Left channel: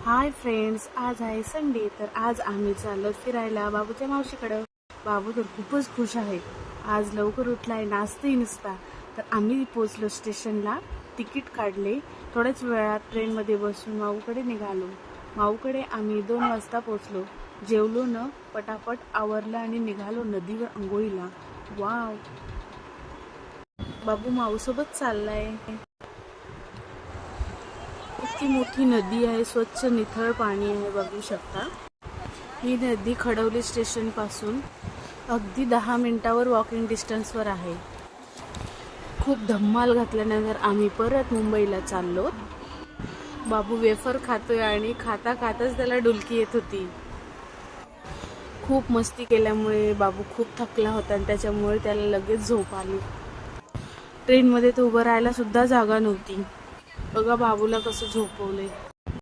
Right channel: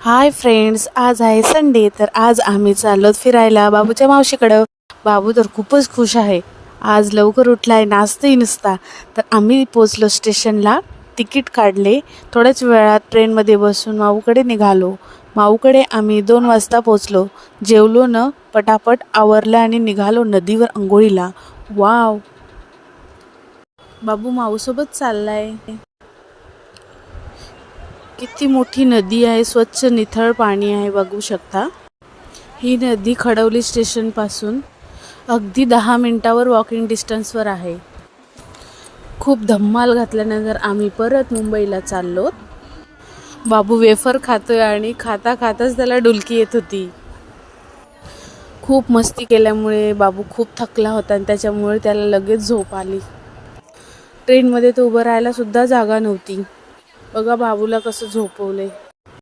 Hi friends, आज आहे Sunday. तर आज आम्ही चाललो फिरायला बाबूच्या मावशीकडं. बाबू तर खूपच खुश आहे. आज लवकर उठलाय, नाचतही नुसता. तर आम्ही पोचलो स्टेशनला, तिकीट काढले. थोड्याच वेळात ट्रेनमध्ये बसून माऊकडे निघालो. माऊकडे आम्ही 2 वाजता पोचलो. जेवलो न पटापट आवरलं आणि निघालो नदीवर अंघोळीला. वाव, बाबू माऊसोबत चाललाय. किती मोठी नदी आहे, स्वच्छ निथळ पाणी आहे, बघू शकता. ही नदी खडवली स्टेशनपासून अगदी 10 मिनिटावर वॉकिंग डिस्टन्सवर आहे. खूप धम्माल घातल्यानंतर आम्ही परत मुंबईला चाललो. बाबू वेफर खातोय आणि खाता खाताच त्याला डुलकी येत होती. खूप मस्ती केल्यामुळे बाबू खूप थकला होता आणि त्याच्यामुळे त्याला लगेच झोप आली. ट्रेनमध्ये तो उभं राहायला सुद्धा जागा नव्हती. बघा बाबूला कसं झोपवले.